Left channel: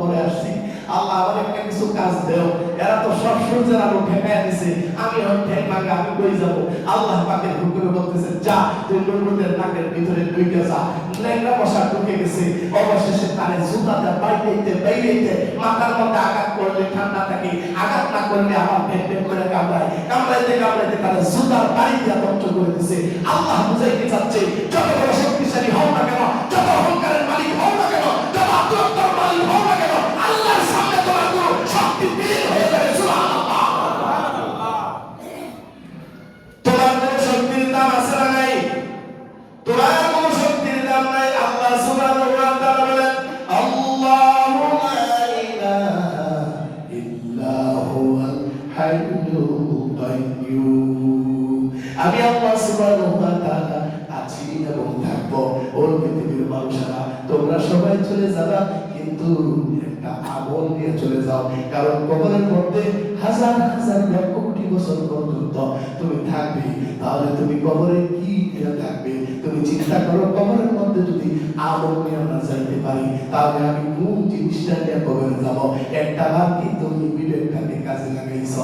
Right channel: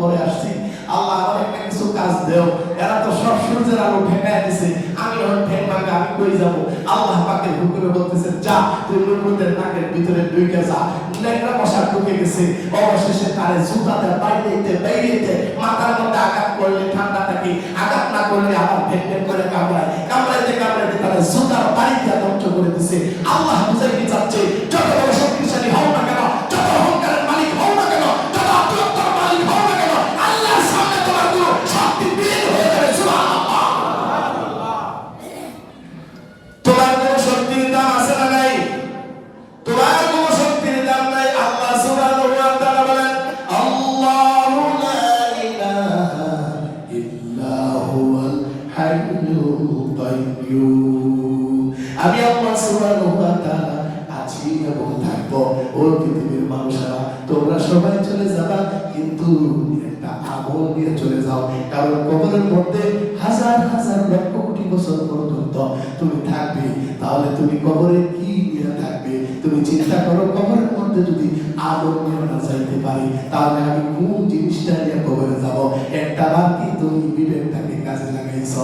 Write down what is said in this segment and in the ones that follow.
পরে আসছি। আল্লাহ আমাকে কিছু কাজ দেও। এরা তো সব সূর্যের আলো দিছে। আমি এখন ঠেক ভাঙা, আমি কই যাব? আল্লাহ পাকে হুকুমে বলতেছে, যা, তুই নুরুদের নাকের ভিতরে ঢুকে যা। ন্যাংরা মশা ঢুকে গেছে। অবশেষে আমি আল্লাহ সুবহানাহু ওয়া আছি এবং থাকব। ও পৃথিবীর মানুষেরা, তোমরা সবাই চলে যাবা, কিন্তু একটা আমল নিয়ে চলে যাও। কারণ কবরের মধ্যে হাজার হাজার লক্ষ কোটি বছর পর্যন্ত তুমি থাকবে, তাহলে তুমি কবরে কি নিয়ে থাকবে? তুমি চিন্তা করো, কবরের মধ্যে যদি আমল নিয়ে না যাইতে পারি, তাহলে আমি কোন জিনিসটা নিয়ে কবরে যাব? একটা কি তুমি বিবেকটাকে কাজে লাগাইছ?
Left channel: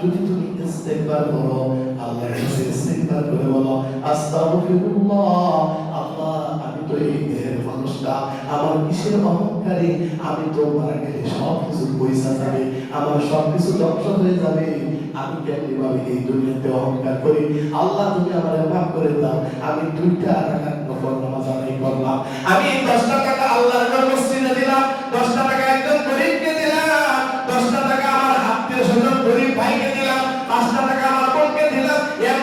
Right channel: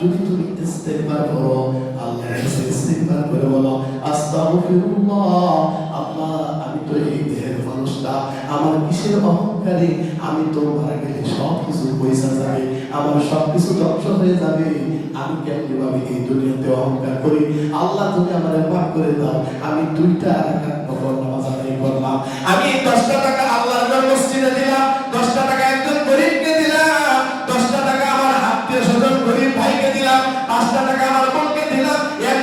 যদি তুমি ইস্তেগফার করো, আল্লাহর কাছে করে বলো, আস্তাগফিরুল্লাহ, আল্লাহ, আমি তো এই দেহের মানুষটা, আমার কিসের অহংকারে? আমি তোমার গেলে সব কিছু পয়সা যাবে, আমার সব কিছু ধ্বংস হয়ে যাবে। আমি কেমনি ভাবে এই দুনিয়াতে অহংকার করি? আল্লাহ তুমি আমার মাফ করে দাও। আমি দুইটা রাখার দিলাম